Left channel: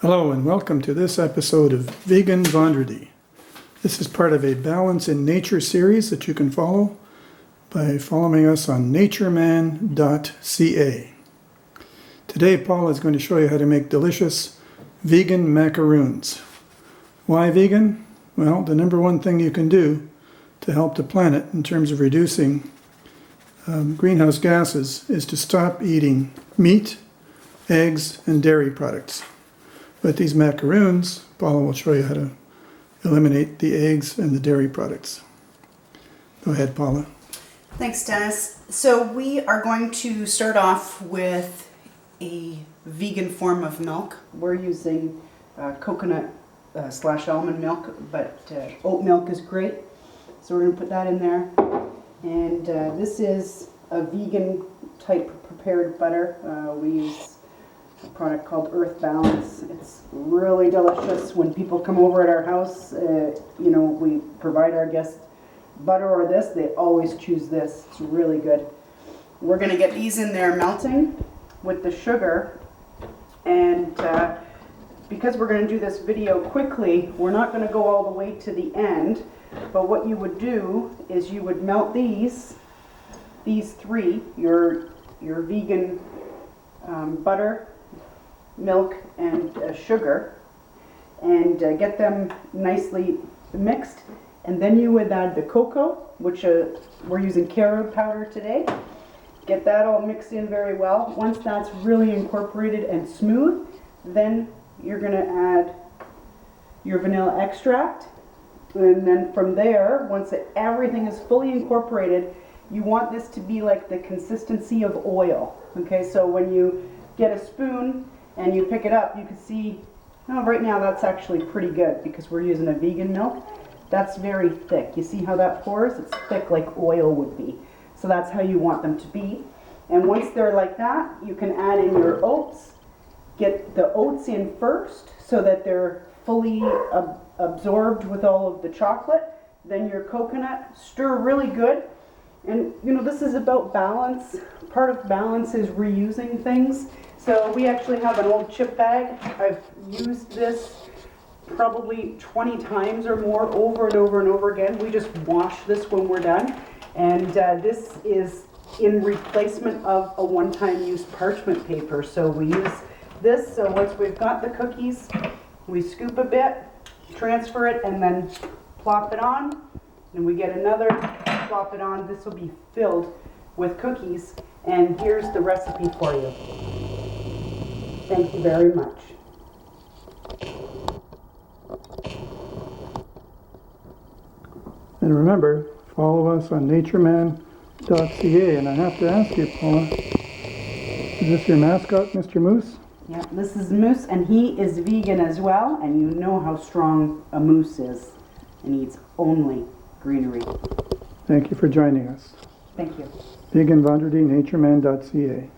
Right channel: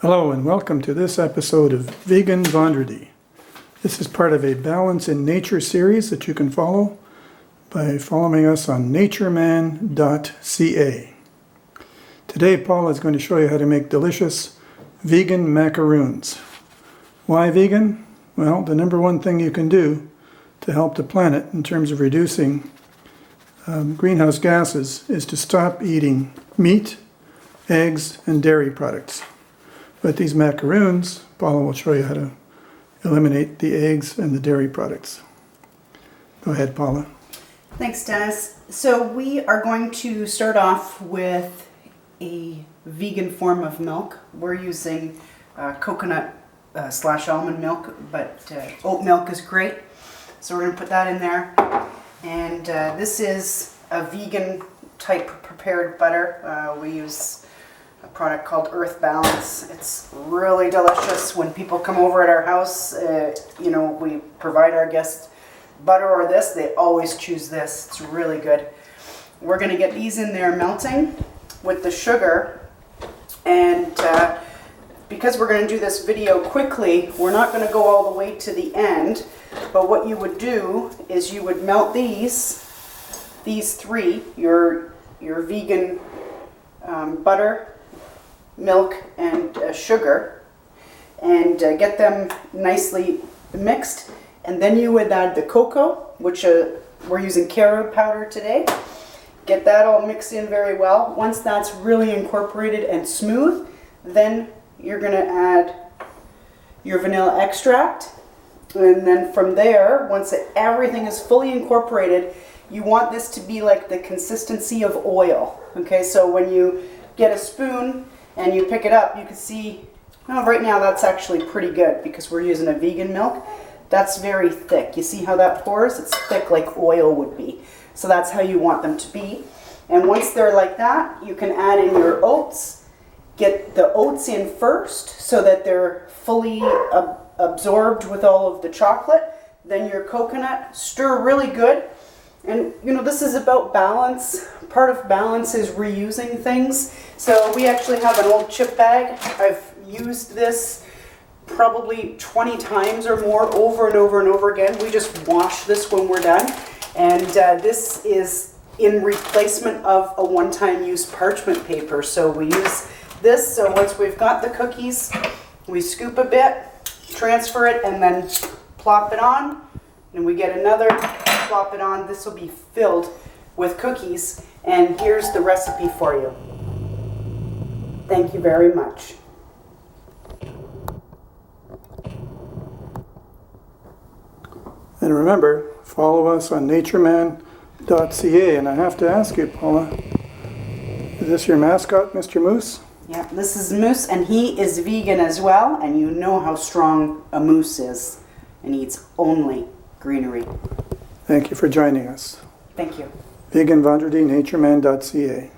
Hello and welcome to this episode of Vegan Vendredi. This is part of a Balance in Nature series that you can follow by following us on natureman.ca. Today Paul is going to show you how to make delicious vegan macaroons. Why vegan? Well, the number one thing you can do to help the planet in terms of reducing greenhouse gases is to stop eating meat, eggs, and dairy products. But these macaroons, Paula will show you how to eliminate the eggs and the dairy products. Go ahead, Paula. Thanks, Dennis. So we are going to start off with a vegan form of milk. We're using coconut / almond milk, but oat milk is great. So we're going to put that in there. And this is a vegan type prepared butter. We use a product called Earth Balance. It's really delicious. When people come over at our house, we provide our guests butter or this, they always choose this. It's really good. We're going to get these in there melting with the sugar, and because we're going to do this video quickly, we're not going to go all the way to the end, but what you would do is you would melt these three, your vegan butter, milk, and sugar, and get them nicely mixed, and then you would add the cocoa, which we're using carob powder today. Get that all mixed in very well. Once that's really incorporated and smooth, then you're going to add your vanilla extract, and then from there, once everything is fully incorporated, you want this to be like the consistency of oil. Okay, so when you get a spoon and you pick it up, you can see, right now that's actually pretty good because we're using a vegan milk. That's very thick. You see how that pours? It's thick like oil would be. So that's how you want them to be. And once they're like that, you can add in your oats. Get the oats in first so that they're fully absorbed with all of the chocolate. Then your coconut, stir really good. And this is about balance. Part of balance is reusing things. So we actually have an old chip bag. I've used this probably 20 times or more, over and over and over again. We just wash this when we're done. And this is in replacement of a one-time use parchment paper. So we use this. So once we've got the cookies, we scoop a bit, transfer it, and then plop it on. And we get another, plop it on. This will be filled with cookies. And here's the recipe for you. Thank you very much. And remember, follow us on natureman.ca. And I have to ask you, Paula, is this your mascot, Mr. Moose? Yeah, this is Moose, and he is vegan as well, and you know how strong a moose is, and eats only greenery. Thank you for joining us. Thank you. Vegan Vendredi, natureman.ca.